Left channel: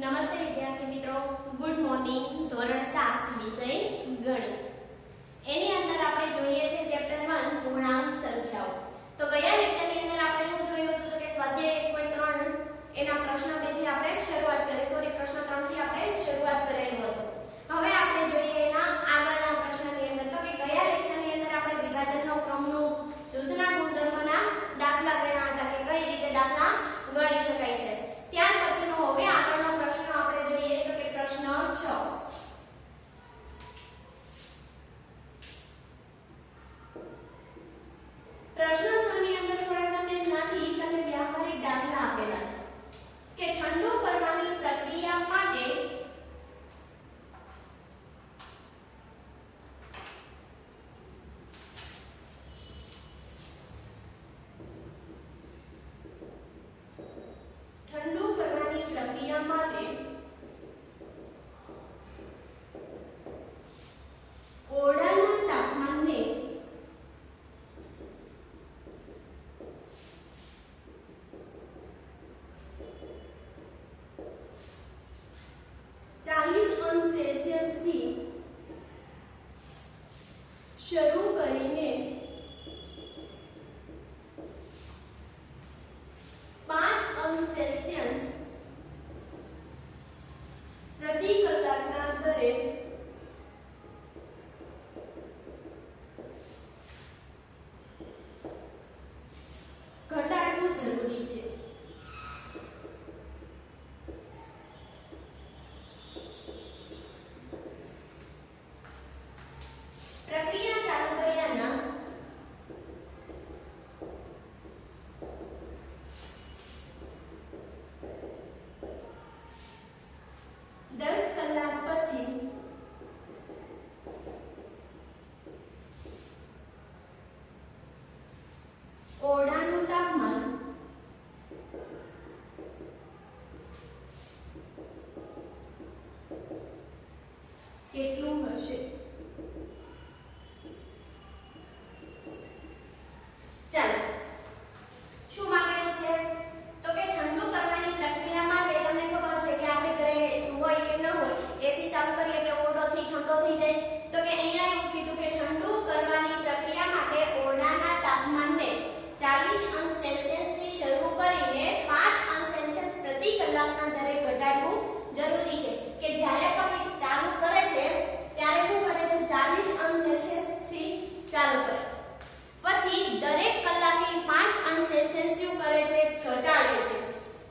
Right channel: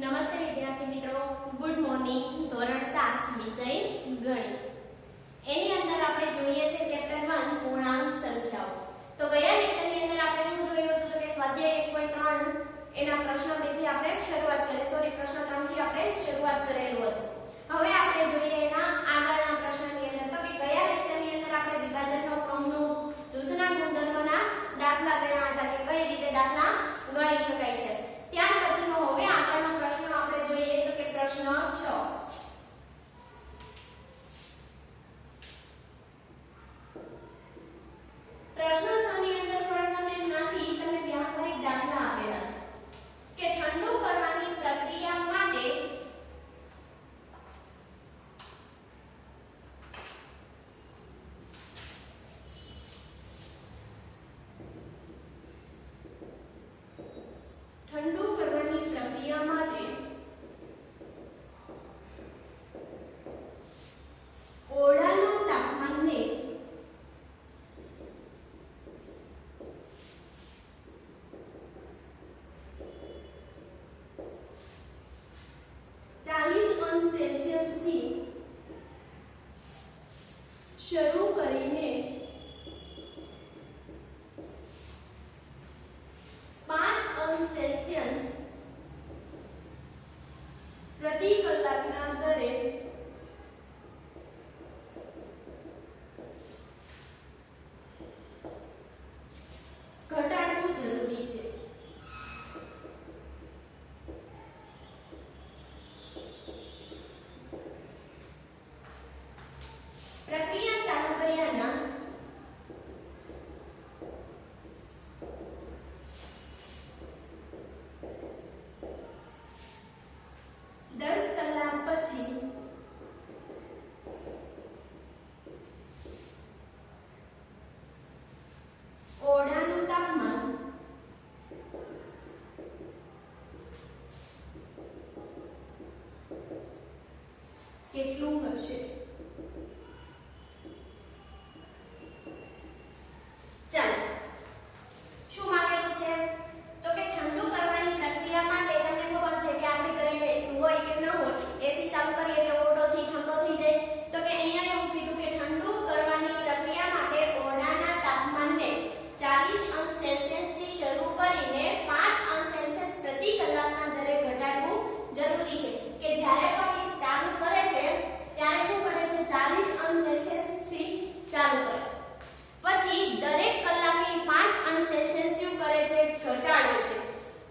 નમસ્તે વિદ્યાર્થી મિત્રો, ગુડ મોર્નિંગ. ધોરણ 7 વિષય ગણિત. એની અંદર આપણે જોઈએ છે ચેપ્ટર 1 પૂર્ણાંક સંખ્યાઓ. તો ગયા લેક્ચરની અંદર આપણે શું જોયું હતું? તો કે સ્વાધ્યાય 1.3 એના પ્રશ્ન 2 થી આપણે શરૂઆત કરી પ્રશ્ન 3 થી આપણે શરૂઆત કરેલું હતું. હવે આપણે જોઈએ એના આગળના પ્રશ્નની અંદર. તો કે ગયા લેક્ચરની અંદર આપણે વિભાજનનો ક્રમનો જૂથના ગુણધર્મના દાખલા ગણ્યા હતા કે કઈ રીતે દાખલા ગણી શકાય છે. ત્યાર પછીનો હવે આગળનો પ્રશ્ન આપણે જોઈએ તો કે પ્રશ્ન 6. પ્રશ્ન 6 ની અંદર તમને વ્યાવહારિક દાખલા આપેલા છે કે ઠંડુ કરવાની પ્રક્રિયા માટે ઓરડાના તાપમાનને 40 અંશ સેલ્સિયસ થી શરૂ કરીને 5 અંશ સેલ્સિયસ પ્રતિ કલાકના અંતરે ઘટાડવું જરૂરી છે. પ્રક્રિયા ચાલુ કર્યાના 10 કલાક પછી ઓરડાનું તાપમાન કેટલું હશે? ચાલો, શું માંગેલું છે? તો કે ઠંડુ કરવાની પ્રક્રિયા માટે તમને ખબર છે કે આપણે ઘરે હોય કે ન હોય એસી ચાલુ કરીએ એટલે ઓરડો છે ઠંડો થઈ જાય. તો કે અહીંયા એવું કીધું કે ઠંડુ કરવાની પ્રક્રિયા માટે ઓરડાના તાપમાનને 40 અંશ સેલ્સિયસ થી શરૂ કરીને 5 અંશ સેલ્સિયસ પ્રતિ કલાકના દરે ઘટાડવું જરૂરી છે. કે જ્યારે પણ એ ચાલુ કરે છે ત્યારે શું કરે છે? 40 અંશ સેલ્સિયસ થી ચાલુ કરે, પછી દરેક કલાકે 5 અંશ સેલ્સિયસ શું કરે છે? ઘટાડે છે.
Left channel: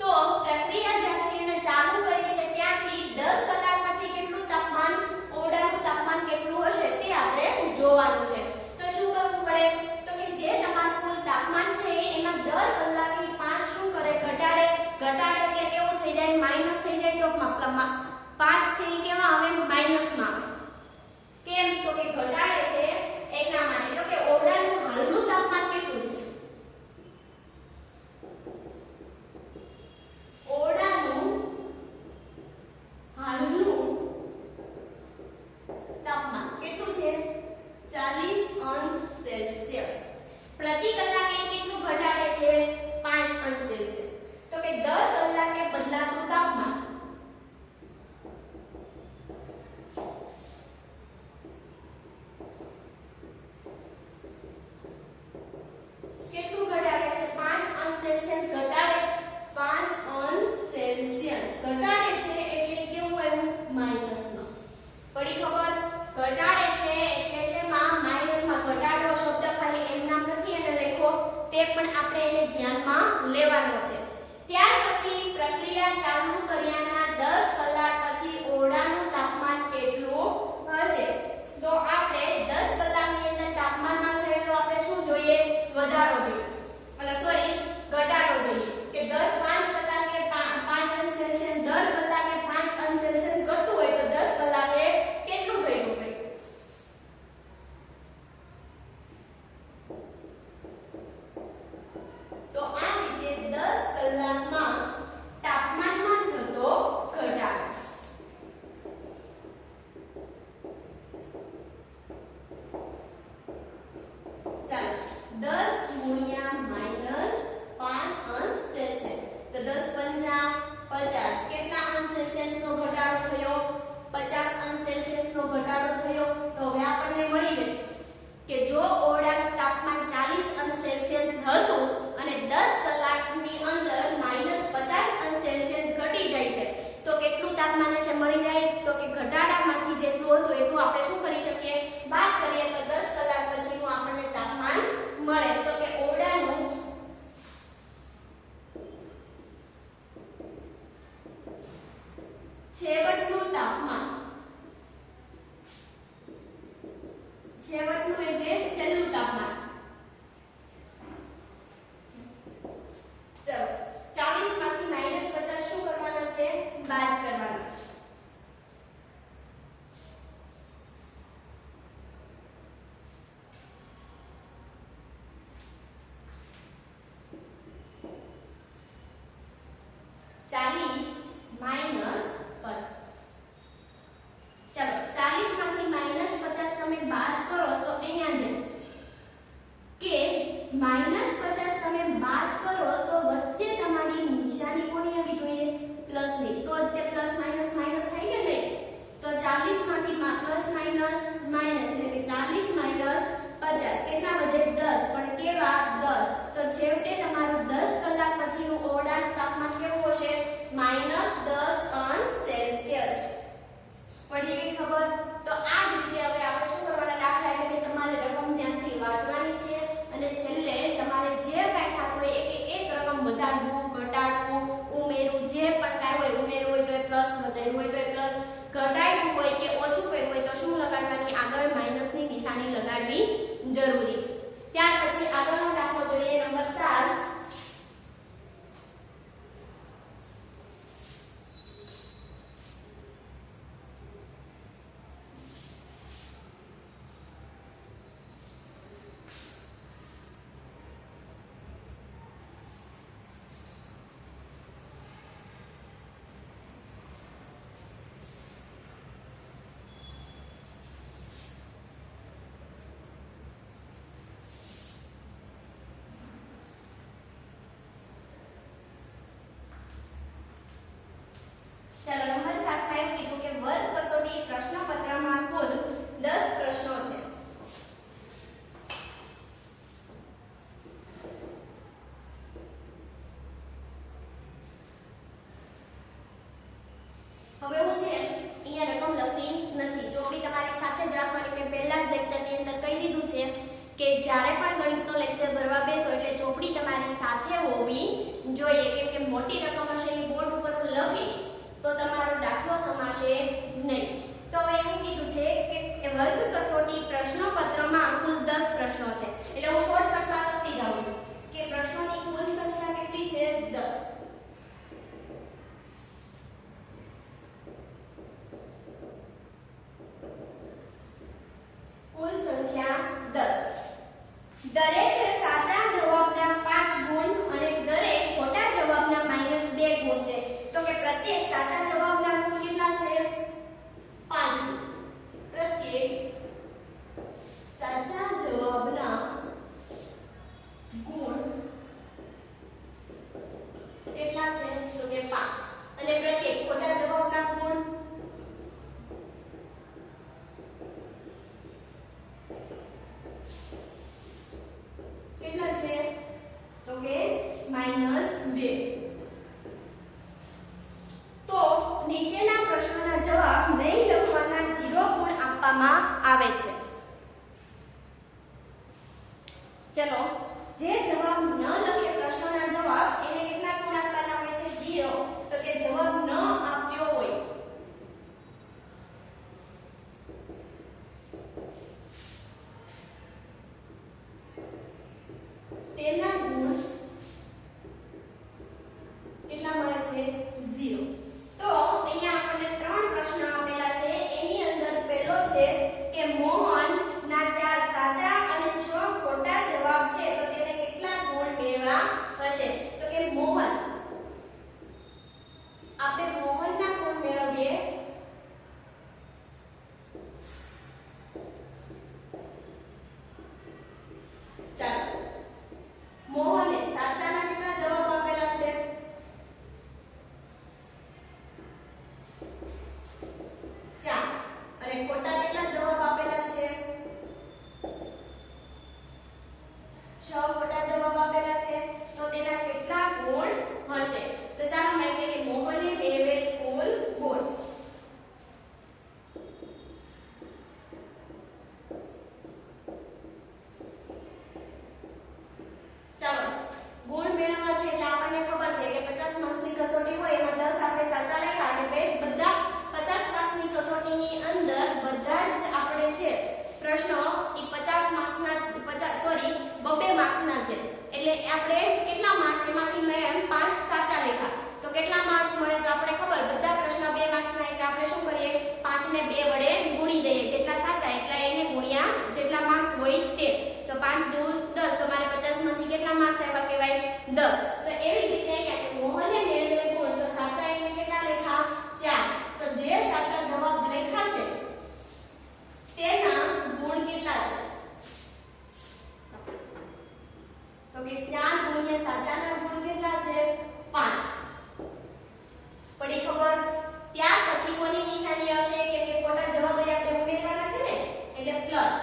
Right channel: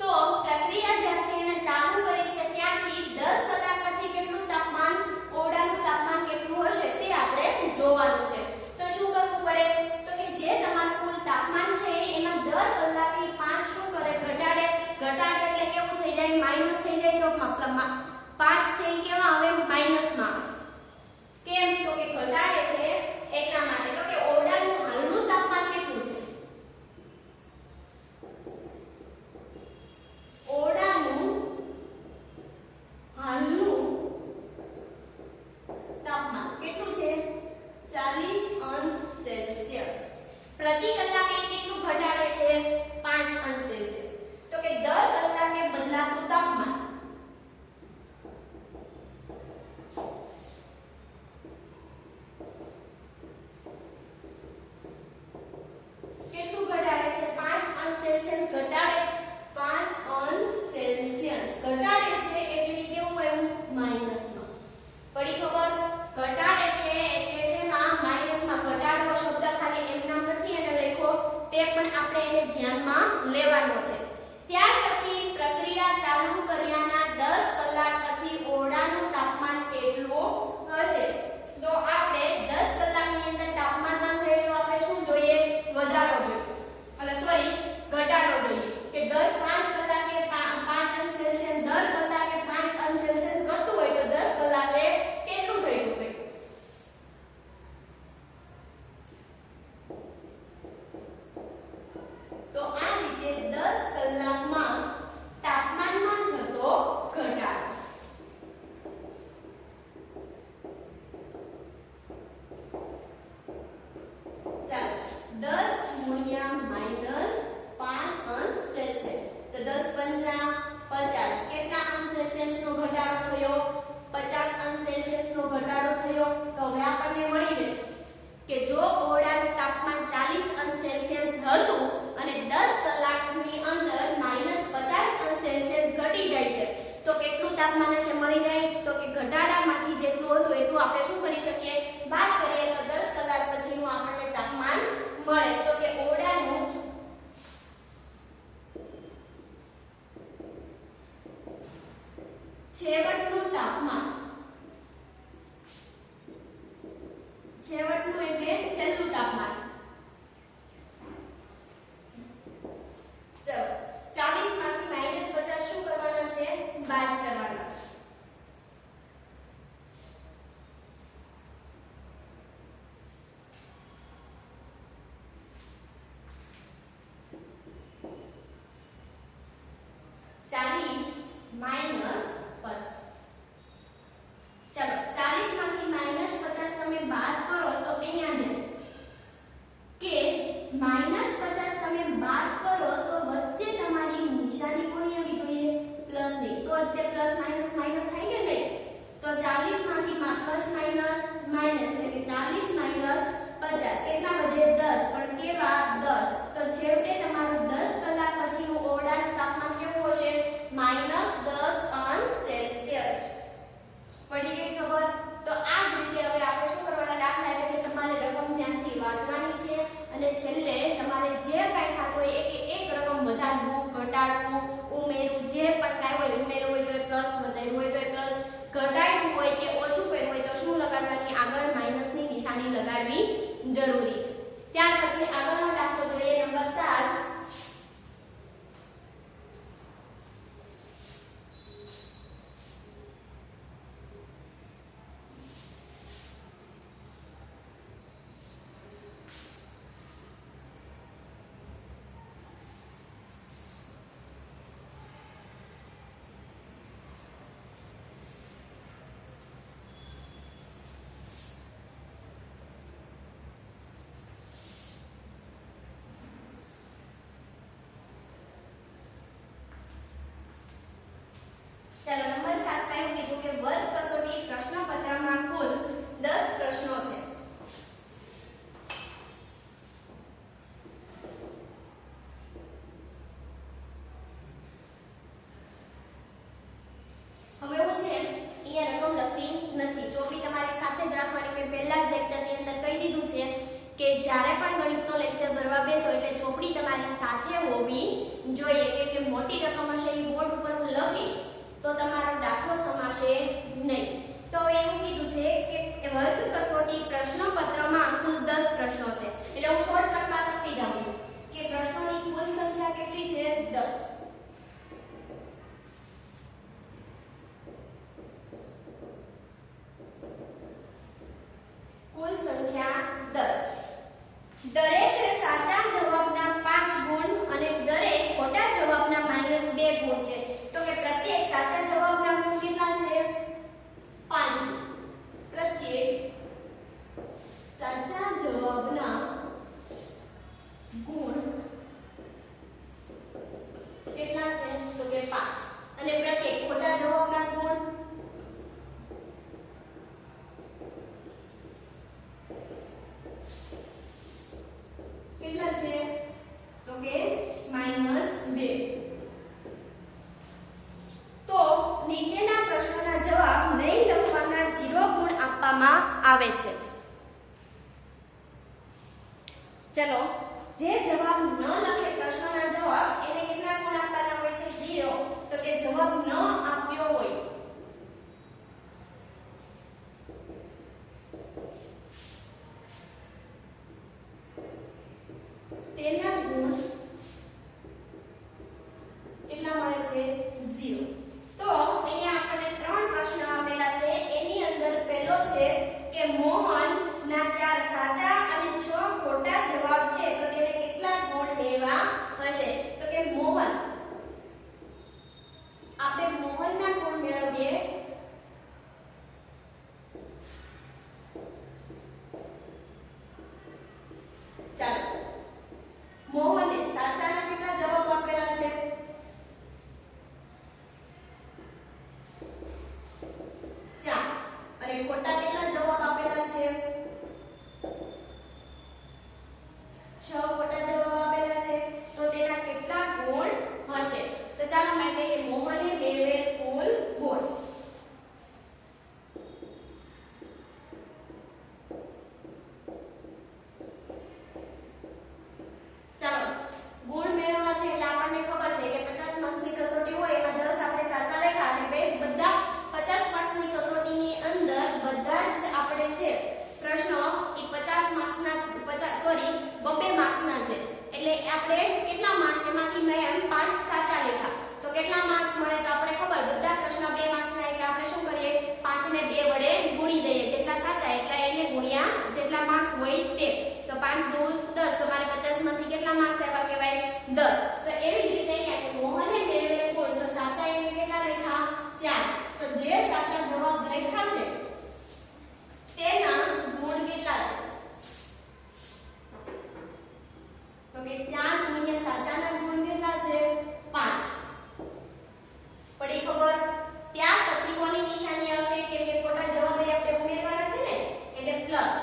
તો પ્રક્રિયા જ્યારથી એને ચાલુ કરી છે ત્યારથી 10 કલાક પછી કેટલું તાપમાન, ઓરડાનું તાપમાન કેટલું હશે તે આપણે જોવાનું છે. તો શું કરવું પડે? તો કે જે તમારું કુલ તાપમાન છે એમાં દર કલાકે 5 શું કરે? ઘટાડે. ઘટાડે એટલે કેવું થઈ જાય? માઈનસ થઈ જાય. તો 5 છે એ કેવા આવે? માઈનસમાં આવે. કેમ? તો કે ઘટાડે છે એટલા માટે. તો કે ઓરડાનું હાલનું તાપમાન કેટલું છે? ઓરડાનું હાલનું તાપમાન કેટલું છે? 40 અંશ સેલ્સિયસ. પ્રતિ કલાકે કેટલું ઘટાડે છે? 5 અંશ સેલ્સિયસ. તો કે દર કલાકે બદલાતું તાપમાન કેટલું ઘટાડે છે? 5 અંશ સેલ્સિયસ ઘટાડે. 5 અંશ સેલ્સિયસ ઘટાડે છે એટલે કેવું આવ્યું? માઈનસમાં. પડી ખબર? ઘટાડે છે એટલે શેમાં? માઈનસમાં. ઘટાડવો શબ્દ ખાલી એમ નામ નથી એને લખ્યો, તે પણ આપણે એને ધ્યાનમાં લેવાનો છે. ત્યાર પછી પ્રક્રિયા ચાલુ કર્યાના 10 કલાક પછી ઓરડાનું તાપમાન કેટલું હશે? તો આપણે 10 કલાકની અંદર તાપમાનમાં થયેલો આપણે શું જોઈએ? વધારો જોઈએ. ઘટાડો જોઈએ. કે દર 5 કલાકે 5 અંશ સેલ્સિયસ, દર કલાકે 5 અંશ સેલ્સિયસ ઘટતું હોય તો 10 કલાકે કેટલું થયું હોય? તો આ રીતે 10 કલાકમાં તાપમાનમાં થતો ઘટાડો. જવાબમાં. ચલો 40 માંથી -50 શું કરવાના છે? બાદ કરવાના. -50 તમે બાદ કરો તો વચ્ચે તમારી નિશાની કોની આવી જોઈએ? પ્લસ ની. તો તે પ્લસ માઈનસ માઈનસ થાય કે નહીં? તો 40 માંથી પ્લસ માઈનસ માઈનસ એટલે કે 40 - 50 કેટલા વધે? 10. પણ કેવા? 10. તો છેવટે તમારું 10 કલાક પછીનું ઓરડાનું તાપમાન કેવું હશે? -10 °C. પડી ગઈ ખબર? તો આ જ રીતે હવે આપણે શું કરવાના? દાખલા એટલે કે તમારે રકમ ધ્યાનથી વાંચવાની છે અને છેલ્લે તમારે જે કાંઈ થતું હોય એક રકમ વધારવું, ઘટાડવું, ઉમેરવું, જે પણ કાંઈ હોય, ઉમેરવું હોય તો એ પ્લસ, વધારવું હોય તો એ પ્લસ, ઘટાડવું હોય કે ઓછું કરવું હોય તો શું લગાડવાની? આગળ માઈનસની નિશાની લગાડવી જરૂરી છે. ત્યાર પછી આગળનો દાખલો જોઈએ નંબર 7. ચાલો નંબર 7 માં એવું કીધું કે વર્ગ કસોટી પ્રશ્નપત્રમાં કુલ 10 પ્રશ્નો છે. હવે હું છે અહીંયા રકમ લખી નથી, ચોપડી તમારી સાથે જ રાખવાની. મેં પહેલા જ લેક્ચરની અંદર કહી દીધું છે કે જ્યારે પણ ગણિતનો લેક્ચર ભરવા બેસો એટલે ચોપડી તમારી સાથે હોવી જોઈએ, કેમ કે મોટી રકમ હશે એ બોર્ડ ઉપર હું લખીશ તો તમારો દાખલો સમાશે નહીં. તો હવે એવું કીધું છે કે વર્ગ કસોટી પ્રશ્નપત્રમાં કુલ 10 પ્રશ્નો છે. એટલે હું શોર્ટકટમાં લખતી જાઉં છું કે પ્રશ્નોની કુલ સંખ્યા કેટલી છે? 10. કુલ સંખ્યા 10. દરેક સાચા જવાબના 5 ગુણ અને દરેક ખોટા જવાબના -2 ગુણ છે. તો કે પ્રત્યેક સાચા જવાબના ગુણ કેટલા છે? 5 ગુણ. પ્રત્યેક સાચા જવાબના ગુણ કેટલા છે? તો કે 5. અને પ્રત્યેક ખોટા જવાબના ગુણ કેટલા છે? તો કે -2. તો નીચેના પ્રશ્નોના જવાબ નહીં લખવાના 0 ગુણ આપવામાં આવે છે. ચલો જે જવાબ ન લખે પ્રશ્નોના જવાબ એને કેટલા ગુણ આપવાના હોય છે? 0. તો કે જવાબ ન આપ્યો હોય તેના ગુણ કેટલા મળે છે? 0. તો અહીંયા આપણને 3 પ્રશ્ન આપેલા છે. એની અંદર પહેલો છે કે મોહન ના 4 સાચા અને 6 ખોટા જવાબ છે તો તેને કેટલા ગુણ મેળવવા હશે? તો કે મોહન 5 દૂ 10 તો મારે 50 માંથી કેટલા માર્ક્સ આવ્યા કહેવાય 10. તો એવી જ રીતે અહીંયા કે મોહને મેળવેલ ગુણ તો સાચા એને કેટલા લખ્યા 4. તો જે સાચા જવાબ લખ્યા છે તેના ગુણ કેટલા છે તો કે 4 ગુણ્યા સાચાના ગુણ કેટલા છે 5. પડી ખબર? ત્યાર પછી કોની નિશાની આવશે કે ખોટા જવાબ આપણે ઉમેરવાના છે ને એટલે પ્લસ.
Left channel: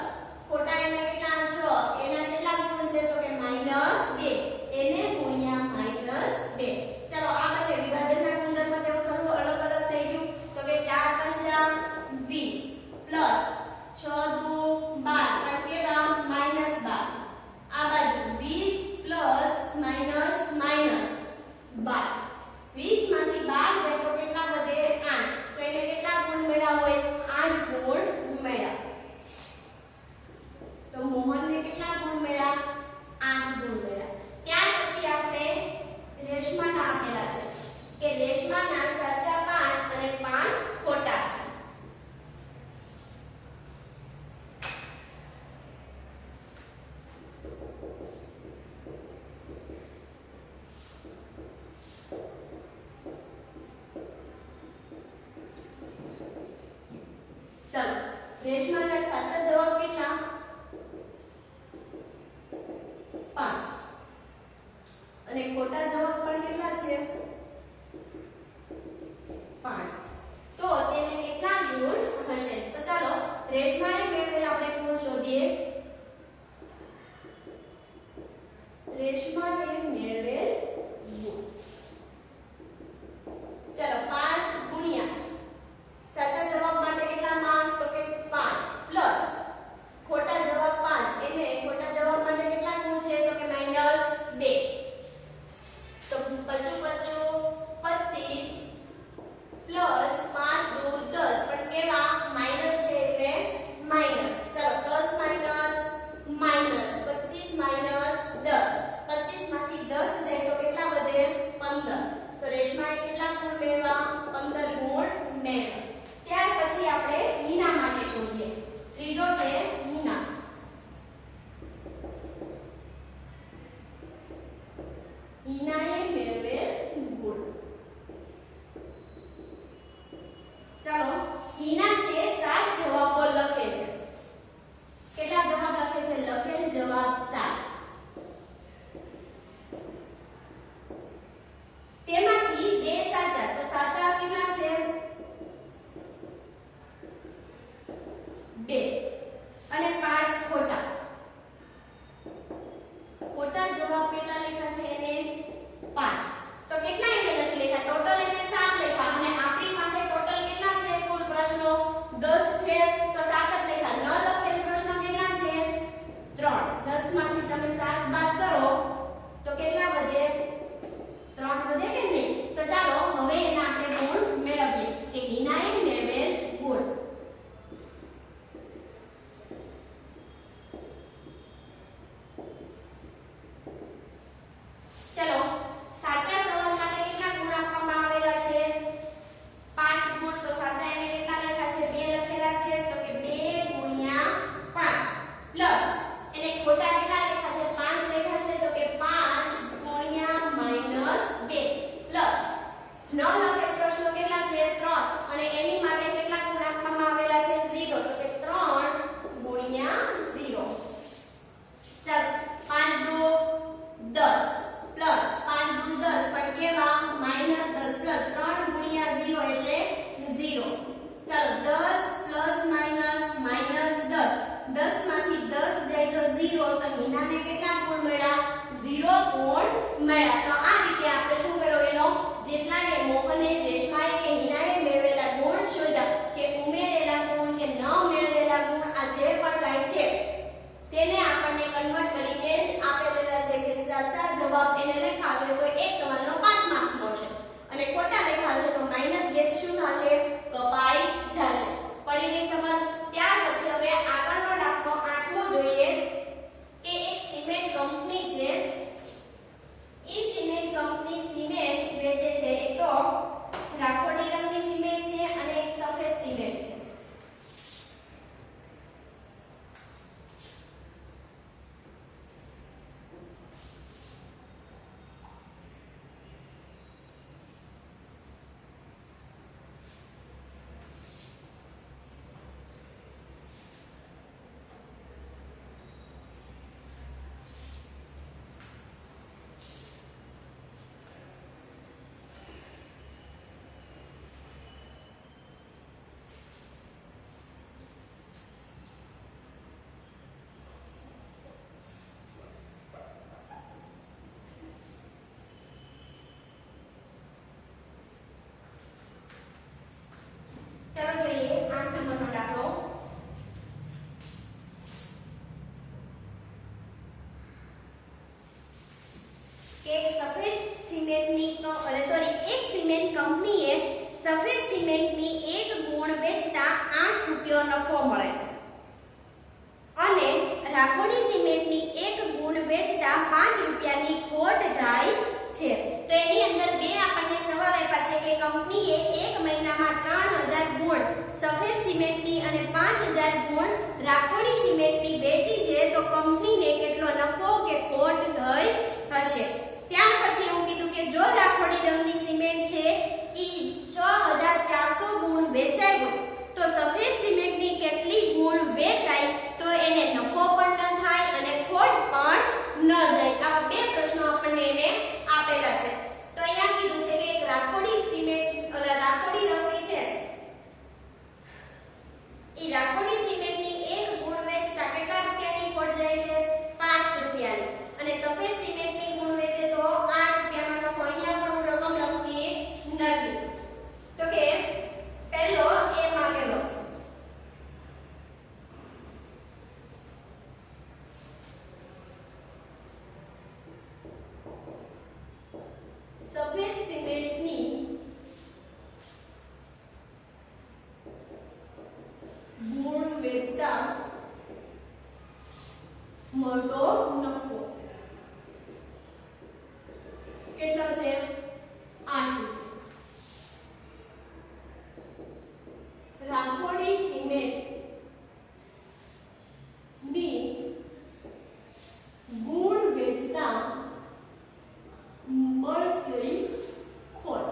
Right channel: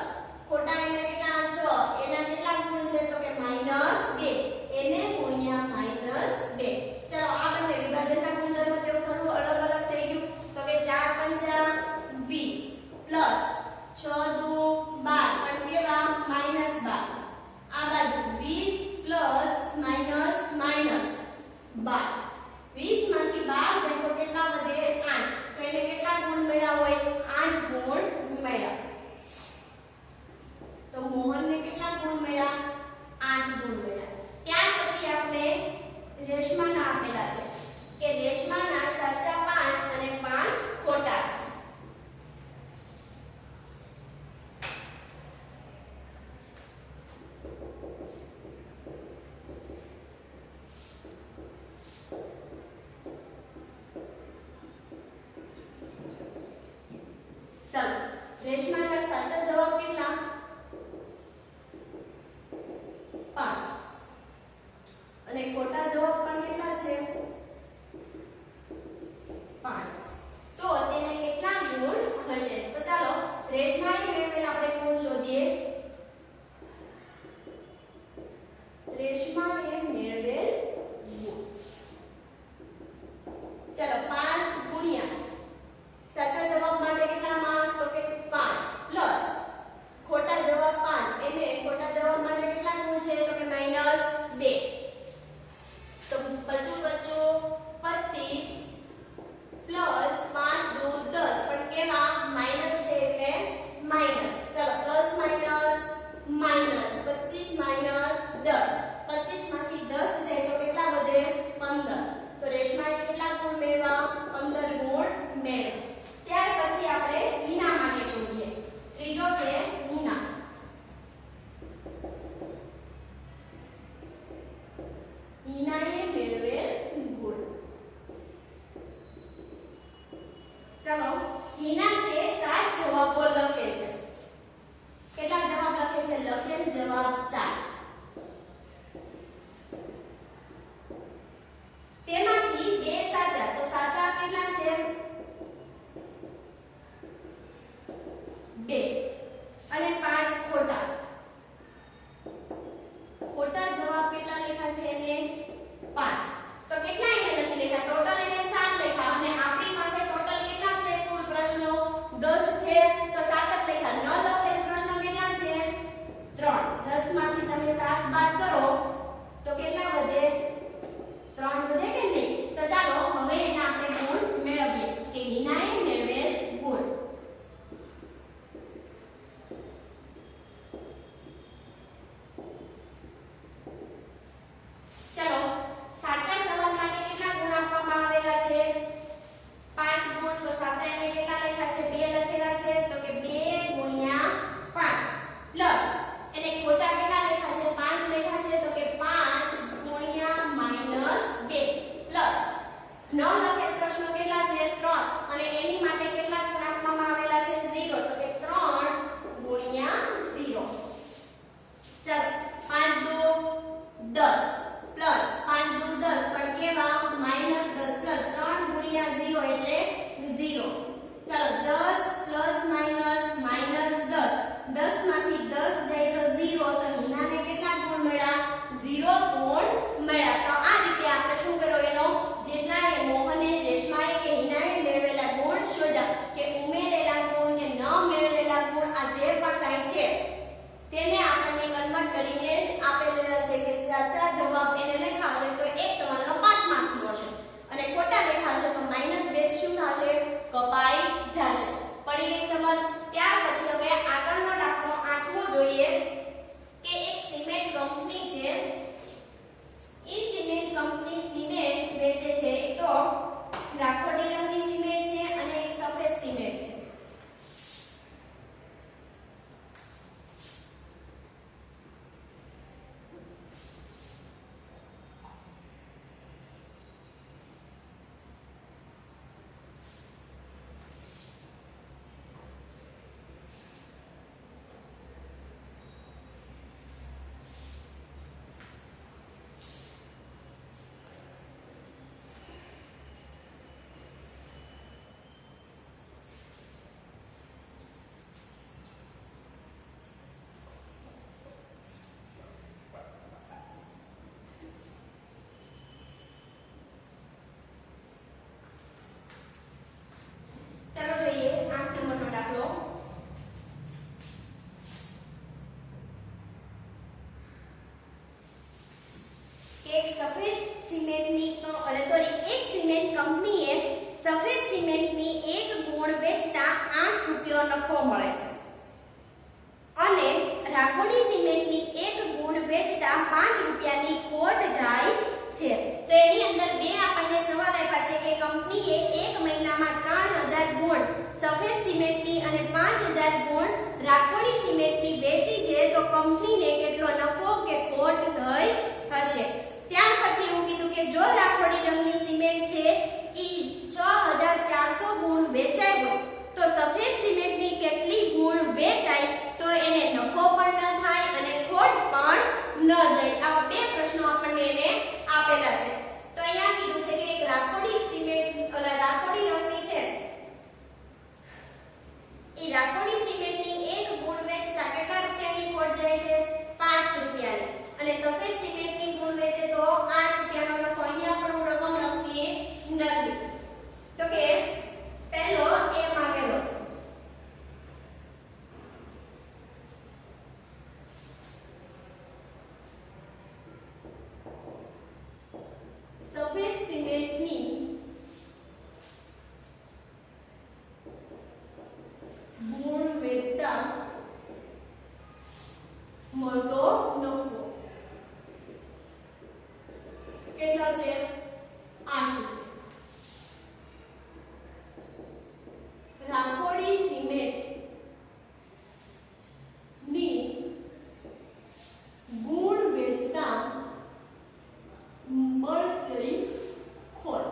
ખોટા એના કેટલા 6 એના કેટલા ગુણ છે તો કે -2 એને ગુણ્યા -2. ચલો આ બંને વિભાજનના ગુણધર્મ જેવું થોડું અલગ અલગ થઈ ગયું તો કે 4 પંચા 20 પ્લસ 6 દુ 12 પણ કેવા -12. આ બાજુ 20 પ્લસ માઈનસ માઈનસ 12. 20 માંથી 12 જાય તો કેટલા વધે 8. તો એને કેટલા ગુણ મળ્યા હોય 8 ગુણ મળ્યા. તો મોહનને કેટલા ગુણ મળ્યા 8 ગુણ મળ્યા. ત્યાર પછી આપણે રેશમાના આપેલા છે કે રેશમાના સાચા 5 અને 5 ખોટા છે. चलो रेशमाના સાચા જવાબ કેટલા 5 અને ખોટા જવાબ પણ કેટલા છે 5. તો તેને કેટલા ગુણ હશે? તો ચાલો રેશમાએ મેળવેલ આપણે ગુણ શોધીએ. રેશમાએ મેળવેલ ગુણ ચલો 5 ગુણ્યા સાચા જવાબ માટે કેટલા માર્ક્સ તો કે 5 પ્લસ ખોટા જવાબ 5 એને ખોટા જવાબ માટે કેટલા ગુણ છે તો કે -2. તો 25 25 પ્લસ 5 દુ 10 પણ કેવા માઈનસ છે એટલે માઈનસ. ચલો પ્લસ માઈનસ માઈનસ 25 માઈનસ 10. 25 માંથી 10 જાય તો કેટલા વધે 15. તો રેશમાએ કેટલા ગુણ મેળવ્યા 15 ગુણ મેળવ્યા. ત્યાર પછી આપણે હીના માટે શોધીએ. ત્રીજો છે હીના. હીનાએ મેળવેલ ગુણ. ચાલો હીના છે 7 જવાબો લખે છે. કેટલા જવાબ લખે છે? લખેલ જવાબ 7. તેમાંથી 2 સાચા. તો સાચા કેટલા છે 2 અને 5 ખોટા. ખોટા જવાબ કેટલા લખ્યા છે એને 5. તો કેટલા એને લખી લેખા? ટોટલ એને 7 લેખા અને આપણી પાસે ટોટલ કેટલા છે કુલ પ્રશ્નો 10 છે તો 7 જ લેખા. ન લખેલ પ્રશ્નો કેટલા છે 3. 10 માંથી તમે 7 બાદ કરો તો કેટલા વધે 3 વધે કે નહીં? તો ચાલો હવે એના આપણે ગુણ મેળવીએ કે હીનાએ મેળવેલ ગુણ. चलो साचा सवाल માટે કેટલા ગુણ આપવામાં આવેલા છે 5 ગુણ. તો સાચા એને કેટલા લખ્યા છે 2 લખેલા છે તો કે 2 ગુણ્યા 5 પ્લસ એને ખોટા કેટલા લખ્યા છે 5 લખ્યા છે તો કે 5 ગુણ્યા કંપનીએ સફેદ સિમેન્ટની 1 ગુણ વેચતા 8 રૂપિયો નફો મળે છે અને રાખોડી સિમેન્ટની 1 ગુણ વેચતા 5 રૂપિયાની ખોટ જાય છે. તો એની અંદર બે આપણને સવાલ આપ્યા છે કે કંપનીએ 1 મહિનામાં 3000 ગુણ સફેદ સિમેન્ટની અને 5000 ગુણ રાખોડી સિમેન્ટની વેચી છે તો કંપનીને કેટલો નફો કે ખોટ થઈ હશે. ત્યાર પછી એવું કીધું કે જો રાખોડી રંગની સિમેન્ટ છે ઈ 6400 ગુણ વેચાઈ હોય તો સફેદ સિમેન્ટની કેટલી ગુણ વેચાય તો એને નફો પણ ન થાય અને ખોટ પણ ન જાય. આવા બે પ્રશ્નો આપણને એને આપેલા છે. તો અહીંયા કીધું છે કે એક રાખોડી સિમેન્ટ રાખોડી રંગની છે ઈ રાખોડી સિમેન્ટની 1 ગુણ વેચતા કેટલા રૂપિયાની ખોટ જાય છે 5 રૂપિયાની અને સફેદ સિમેન્ટની ગુણ વેચે તો 8 રૂપિયાનો નફો. અહીંયા પણ હું રકમ લખતી નથી. તો કે પહેલો એ માંગેલો છે સફેદ સિમેન્ટની ગુણ વેચતા મળતો નફો કેટલા છે 8 રૂપિયા. રાખોડી સિમેન્ટ ની ગુણ વેચતા મળતી ખોટ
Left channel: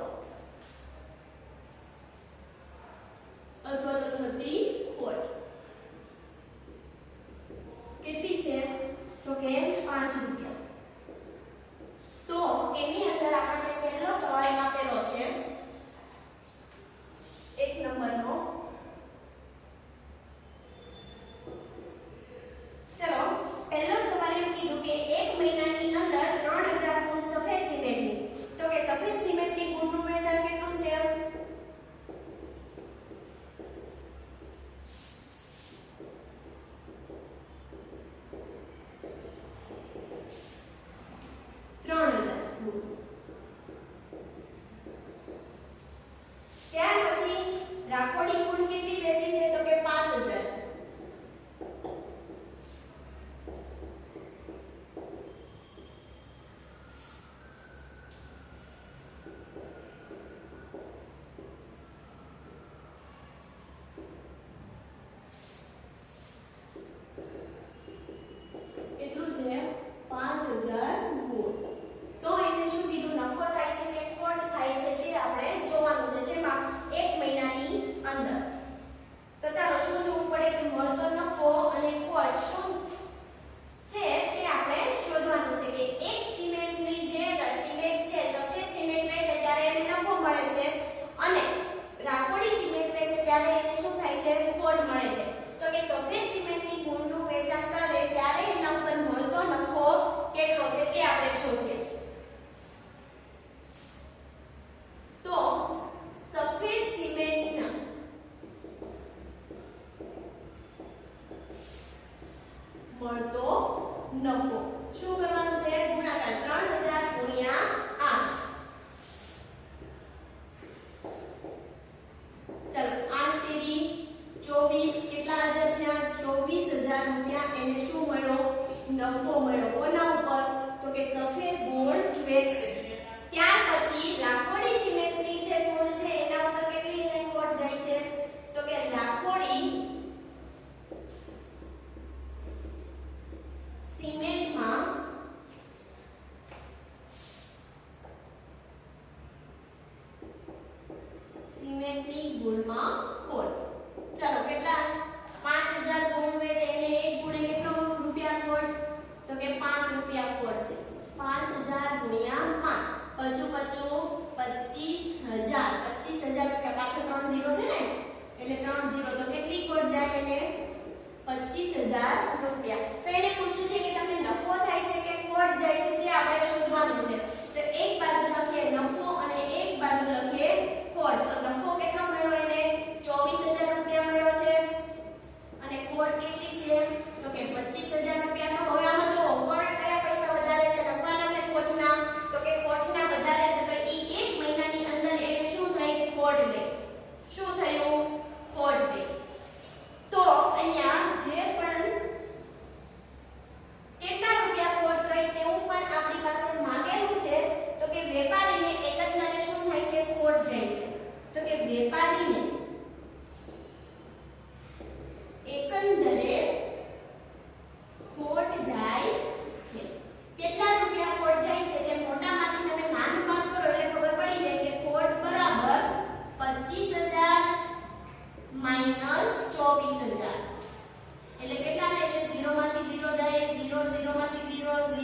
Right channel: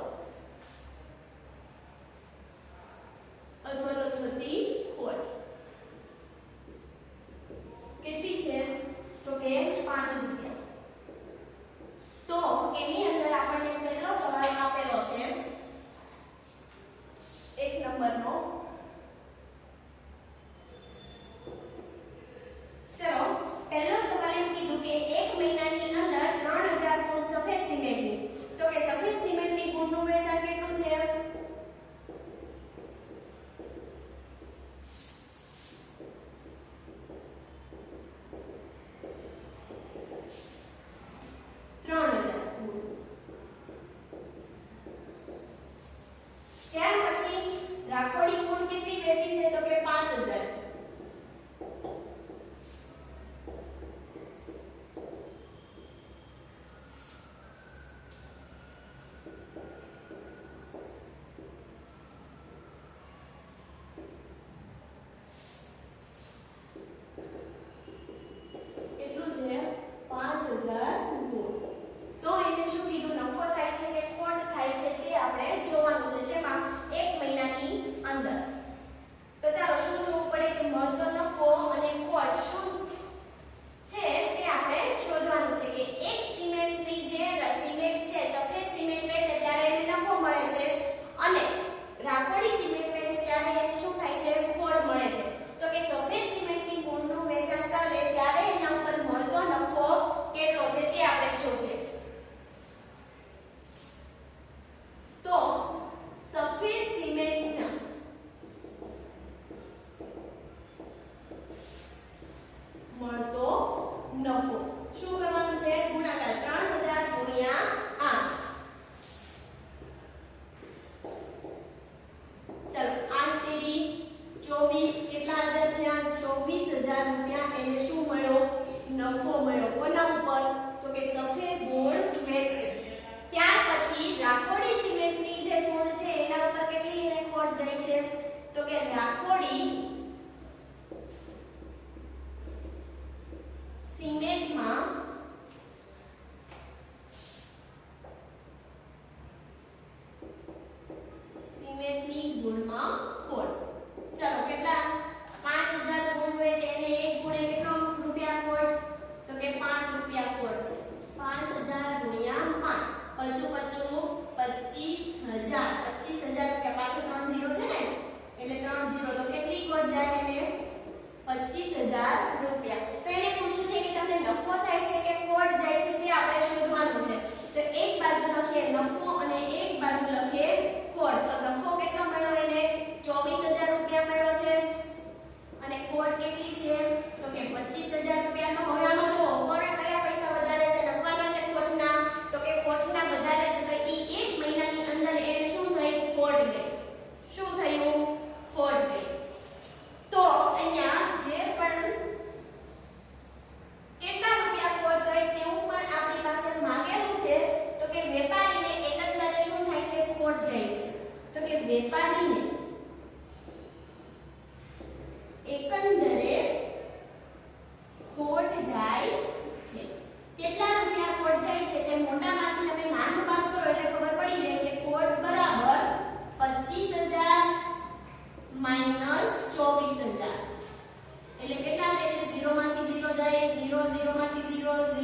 અથવા તો થતી ખોટ કેટલી છે તો કે 5 રૂપિયા. તો એની અંદર આપણને પહેલો સવાલ આપેલો છે 1 નંબરનો. ચલો પહેલો સવાલ એમ કીધું કે 1 મહિનાની અંદર 3000 ગુણ સફેદ સિમેન્ટની. તો કે સફેદ સિમેન્ટની ગુણનું વેચાણ કેટલું છે 3000 ગુણ. ત્યાર પછી રાખોડી ગુણ કેટલી વેચી છે તો કે 5000. કેટલું છે 5000 ગુણ. તો એને શું કીધું નફો થાય છે કે ખોટ થાય છે તે આપણે જોવાનું છે શેમાં 1 મહિનાની અંદર. તો ચાલો શું જોવું પડે કે મળતો નફો અને ખોટ શું છે તે આપણે શોધવાનું છે કે એક સિમેન્ટની જે સિમેન્ટ છે સફેદ સિમેન્ટ વેચે ત્યારે એને નફો મળે છે અને રાખોડી સિમેન્ટ વેચે ત્યારે એને શું થાય છે ખોટ મળે છે. તો કે સફેદ સિમેન્ટની ગુણનું વેચાણ કરે ત્યારે એના ઉપર મળતો નફો કેટલો છે તે આપણે શોધીએ. તો સફેદ સિમેન્ટના મળતો નફો શું કરવાનું છે ગુણાકાર 3000 ગુણ્યા 8. ચાલો 8 તેરી 24 કેટલા હજાર થયા 24000 રૂપિયા. એને શું મળ્યો નફો મળ્યો. કોના ઉપર તો કે સફેદ ગુણ વેચે. ત્યાર પછી રાખોડી સિમેન્ટની જે ગુણ છે એના ઉપર કેટલી એને ખોટ જાય છે તો કે રાખોડી સિમેન્ટમાં સિમેન્ટની ગુણમાં ખોટ. ચાલો કેટલા 5000 ગુણ વેચે એને 1 ગુણે કેટલો રૂપિયા ખોટ તો કે 5 રૂપિયા ખોટ છે. 5000 ગુણ્યા 5 હજુ બચ્યું 25000. 25000 રૂપિયા પાછો 3 0 છે ને એટલે 3 0 તો કેટલી ખોટ જાય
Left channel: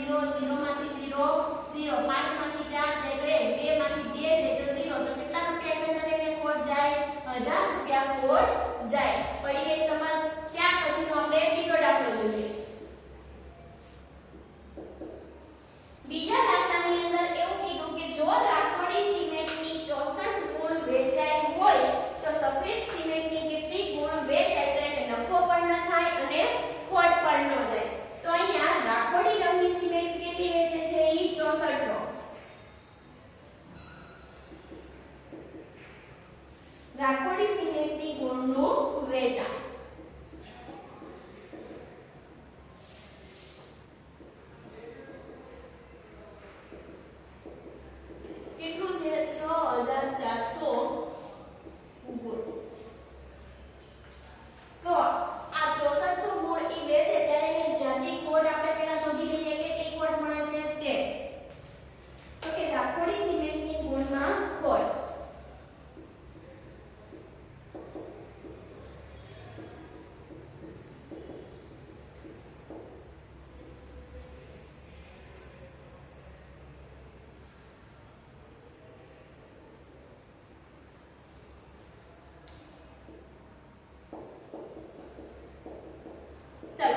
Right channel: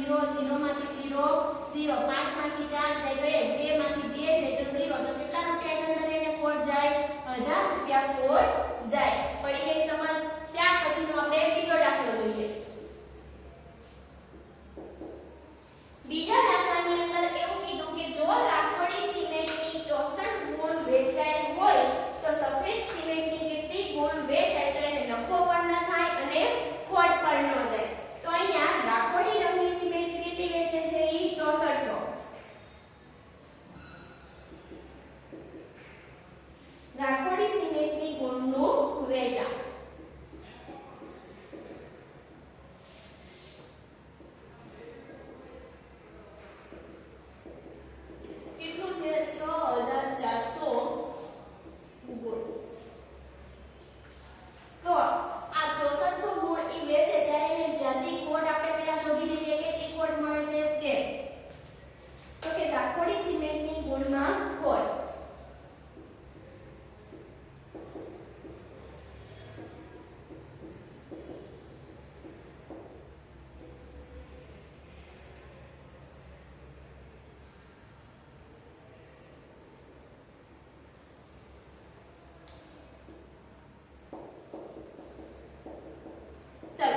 0 0 માંથી 0 0 5 માંથી 4 જાય તો 1 2 માંથી 2 જાય તો 0 તો કેટલા રૂપિયા ની અંદર એને ખોટ જાય 1000 રૂપિયા ખોટ જાય પડી ગઈ સમજ ત્યાર પછીનો આપણે બીજો દાખલો જોઈએ બીજા દાખલાની અંદર એવું કીધું કે જો રાખોડી સિમેન્ટની 64 ગુણ વેચાઈ હોય તો સફેદ સિમેન્ટની કેટલી ગુણ વેચાય તો એને નફો પણ ન થાય અને ખોટ પણ ન જાય તો અહીંયા રાખોડી રંગની સિમેન્ટ કેટલી વેચે છે ઈ 6400 રાખોડી સિમેન્ટની ગુણનું વેચાણ કેટલું છે 6400 ગુણ તો આ 6400 ગુણ ઈ વેચે ત્યારે એને જ્યાંથી ખોટ આપણે પહેલા શોધી લઈએ કેટલી ખોટ મળે છે તે તો કે રાખોડી સિમેન્ટની ગુણમાં ખોટ ચલો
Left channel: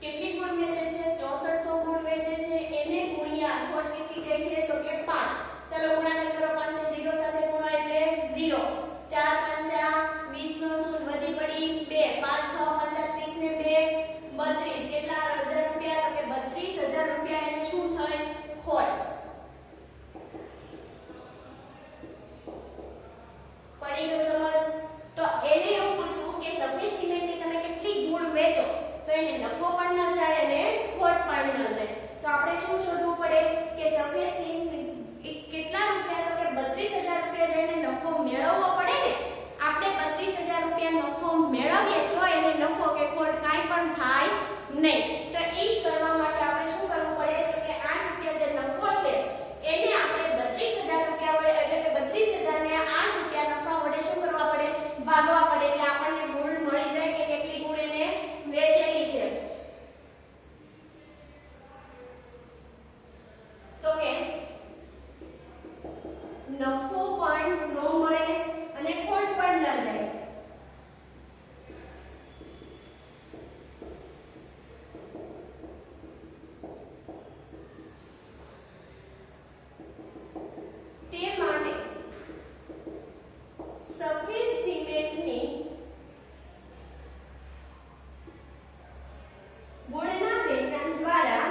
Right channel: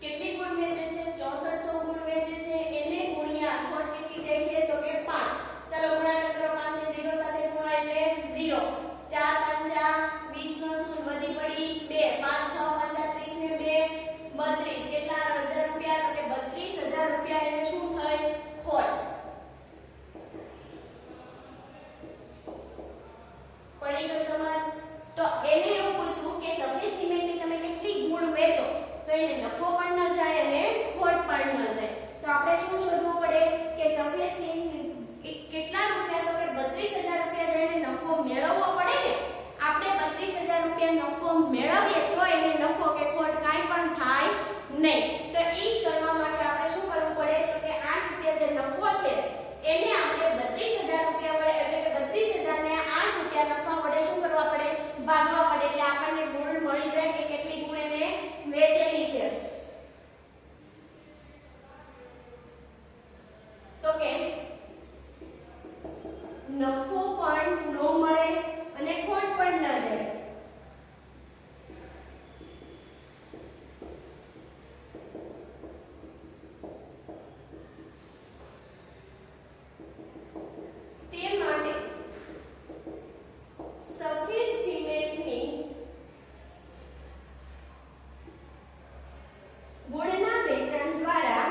કેટલી ગુણ વેચે છે 6400 ગુણ વેચે છે એને ગુણ્યા ખોટ કેટલી જાય છે તો કે 5 ચલો ગુણાકાર કરો 5 ને 0 સાથે ગુણો એટલે 0 4 5 20 નો ગુણ વધી પડી 2 5 6 5 30 ને 2 32 કેટલા 1000 રૂપિયા તો કે 32000 રૂપિયા એને શું થઈ ખોટ પડી ગઈ સમજ તો એને એવું પૂછ્યું કે સફેદ સિમેન્ટની તમે કેટલી ગુણ વેચો તો એને નફો પણ ન જાય અને ખોટ પણ ન જાય તો આપણે શું શોધવું પડે કે સફેદ સિમેન્ટ કેટલા રૂપિયા તો કે 32000 રૂપિયા જઈને નફો મેળવવો પડે ને આપણે 32000 રૂપિયા નફો મેળવીએ તો એને નફો કે ખોટ કાંઈ પણ થાય નહીં તો ઈ કરવા માટે આપણે શું કરવું પડે તો કે 8 રૂપિયા જે નફો છે એને આપણે 32000 રૂપિયા વડે એટલે કે 32000 ને 8 રૂપિયા નફા વડે શું કરવા પડે ભાગવા પડે એટલે આપણને ગુણ મળી જાય કે કેટલી ગુણ એને વેચેલી છે તો કે નફો પણ ન મળે અને ખોટ પણ ન જાય તે માટે સફેદ સિમેન્ટની ગુણના વેચાણ દ્વારા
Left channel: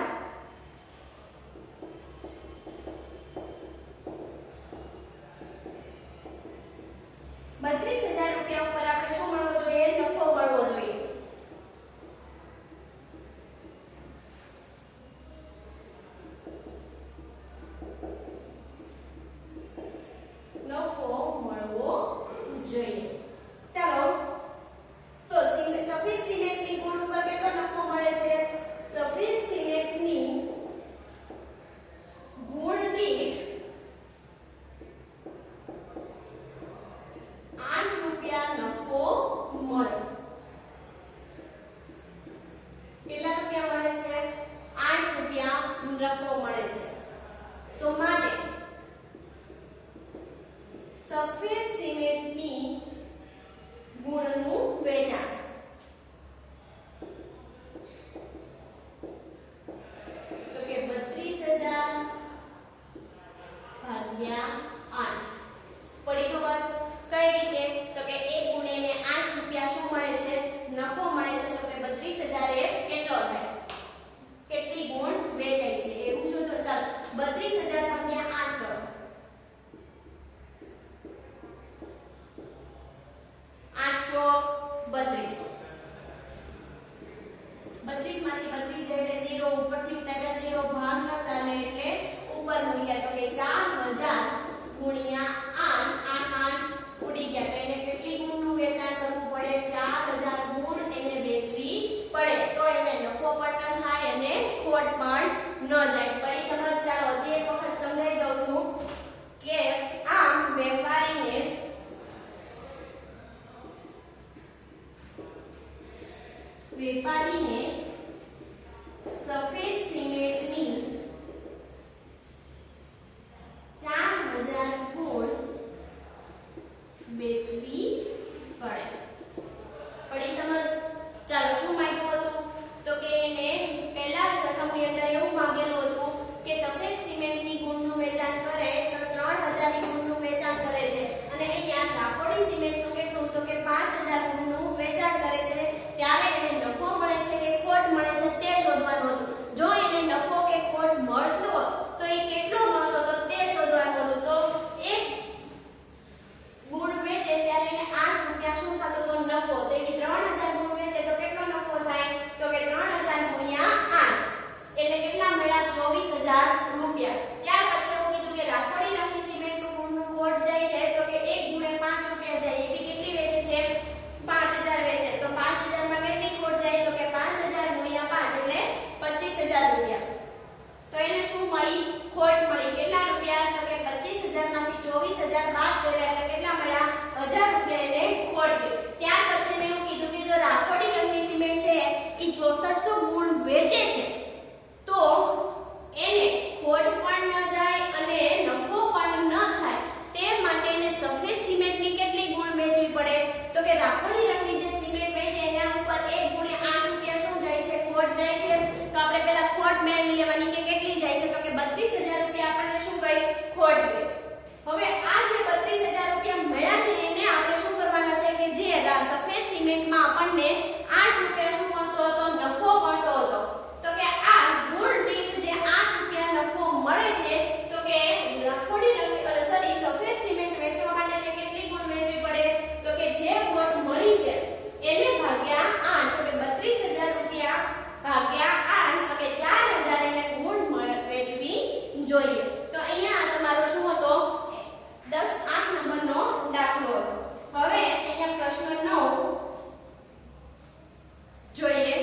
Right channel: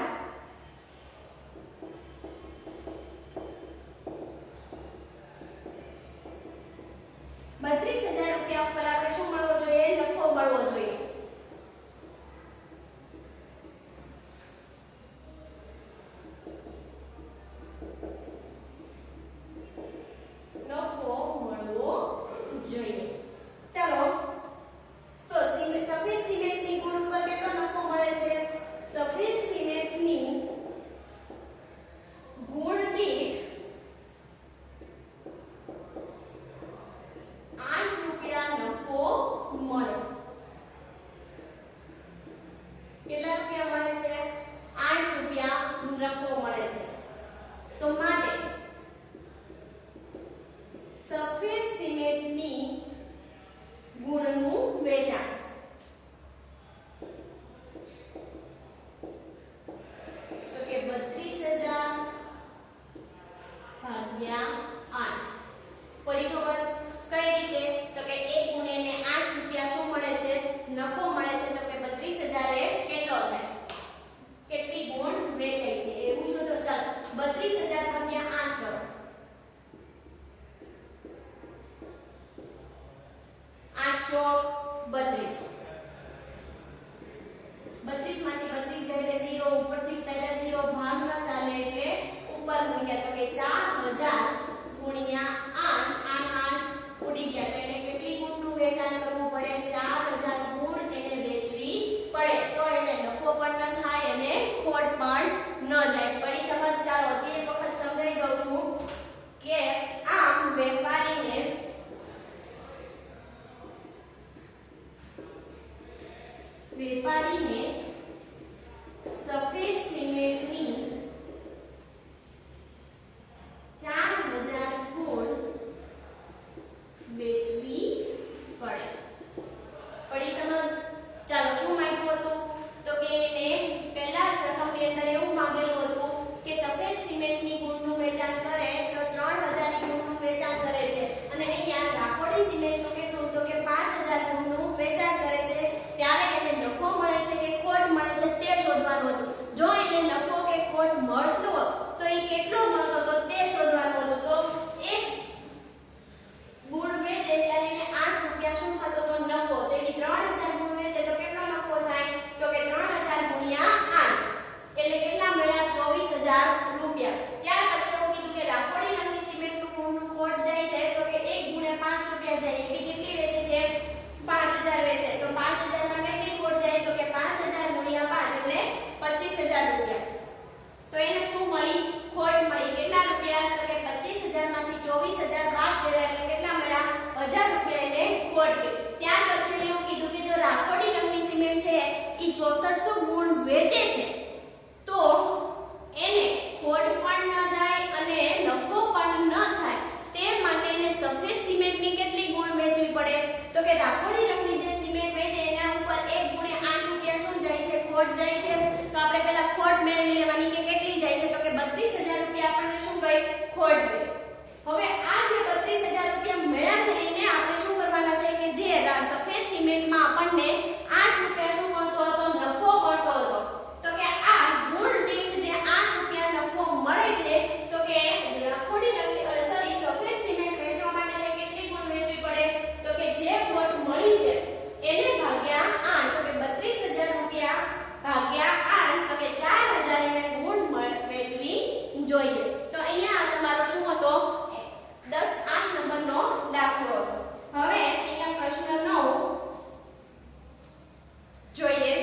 ₹32000 ઉપર આપણે શું મળવો જોઈએ નફો મળવો જોઈએ નફો મળવો જોઈએ ચાલો તો સફેદ સિમેન્ટની ગુણ ઉપર કેટલો નફો મળે છે સફેદ સિમેન્ટની ગુણ દીઠ 8 રૂપિયા નફો મળે કેટલા રૂપિયા મળે છે 8 રૂપિયા નફો મળે છે તો માટે સફેદ સિમેન્ટની ગુણનું વેચાણ તો કે 32000 ભાગ્યા 8 પડી ખબર કઈ રીતે તો કે એક ગુણ્યાને 8 રૂપિયા શું મળે છે નફો મળે છે તો કે 32000 એ કેટલો થાય કેટલી ગુણ વેચાય છે એવું શોધો ચાલો 32000 ભાગ્યા 8 કરો 8 ચોક 32 32 માંથી 32 જાય એટલે 0 ઉપરથી ઉતાર્યા 0 ભાગ ન ચાલે એટલે ઉપર મૂક્યા તો કે 4000 ગુણ્યા 8 8 ઉડી ગયા તો એને કેટલી ગુણનું વેચાણ કરવું પડે 4000 ગુણ એને વેચવી પડે તો એને નફો પણ ન થાય અને ખોટ પણ ન જાય પડી સમજ ચાલો જે એક વખત સમજાઈ દઉં છું કે આમ વેપારીને સફેદ સિમેન્ટ 62 ગુણ વેચે છે તો એને ખોટ પણ ન જાય અને નફો પણ ન થાય તે માટે એને સફેદ સિમેન્ટની કેટલી ગુણ વેચવી પડે તો કે રાખોડી રંગની જે સિમેન્ટ વેચે એના ઉપર 1 ગુણે 8 રૂપિયા શું જાય છે ખોટ જાય છે તો આપણે પહેલા ખોટ મેળવી લેવાની કે કેટલી જાય છે તો કે 32,000 રૂપિયા આપણને શું ગઈ ખોટ ગઈ હવે આ જે 32,000 રૂપિયા મળ્યા છે એને આપણે શું કરવાના છે કે જે સફેદ સિમેન્ટમાં આપણને 8 રૂપિયા શું મળતો હતો નફો મળતો હતો તો કે આ ગુણ દીઠ જે 8 રૂપિયા નફો મળે છે તો કે રાખોડી રંગ સોરી સફેદ સિમેન્ટ વેચવા માટે એને કેટલી ગુણ વેચવી પડે તો કે જે ખોટ મળી છે એને ભાગ્યા 8 તો કે 32,000 રૂપિયા ભાગ્યા 8 તો કે 4,000 એને ગુણ વેચવી જોઈએ તો અહીંયા તમારો શું હતો 10-8 નંબરનો દાખલો હતો હવે અહીંયા પ્રશ્ન 9 જોઈએ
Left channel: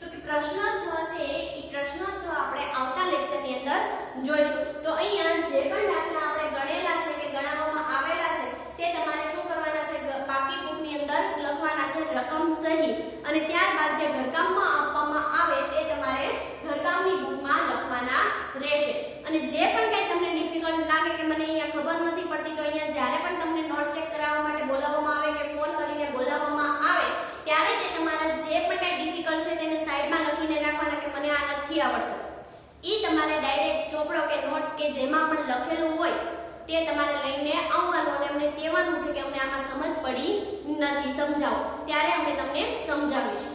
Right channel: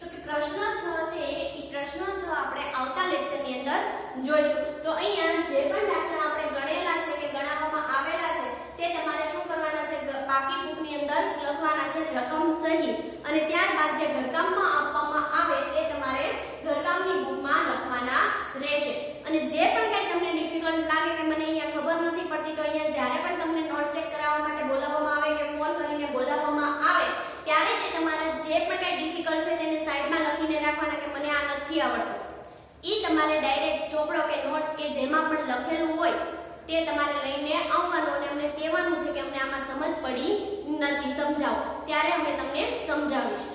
તો કે પ્રશ્ન 6 છે એ પ્રશ્ન 6 આપણે આવતા લેક્ચરની અંદર જોઈશું તો અહીંયા જે પણ દાખલા આપણે ગણેલા છે કે ગણાવવામાં આવેલા છે તે તમારે શું કરવાના છે પાકી બુકની અંદર લખવાના છે રકમ સહિત અને ત્યારબાદ જે ઘરકામમાં આપવામાં આવે તે તમારે ઘરકામની બુકમાં લખવાના રહેશે અને જે પણ કંઈ તમને ડિફિકલ્ટ લાગે કે મને અહીંયા ખબર નથી પડતી તો અહીંયા જ્યારે પણ તમને નોટ ચેક કરાવવા માટે બોલાવવામાં આવે કે ફોન કરીને બોલાવવામાં આવે ત્યારે તે તમારે જે પણ કંઈ ડિફિકલ્ટ છે તેને સાઈડમાં લખીને રાખવાના કે મને આ નથી આવડતું ઈ તમારે ડાયરેક્ટ ચોપડો કે નોટ કે જેમાં પણ લખેલું હોય તે તમારે લઈને આવવાનું અને અમને કહેવાનું છે કે અમને આમાં સમજ પડી નથી સમજાવો ત્યારે અમે તમને સમજાવીશું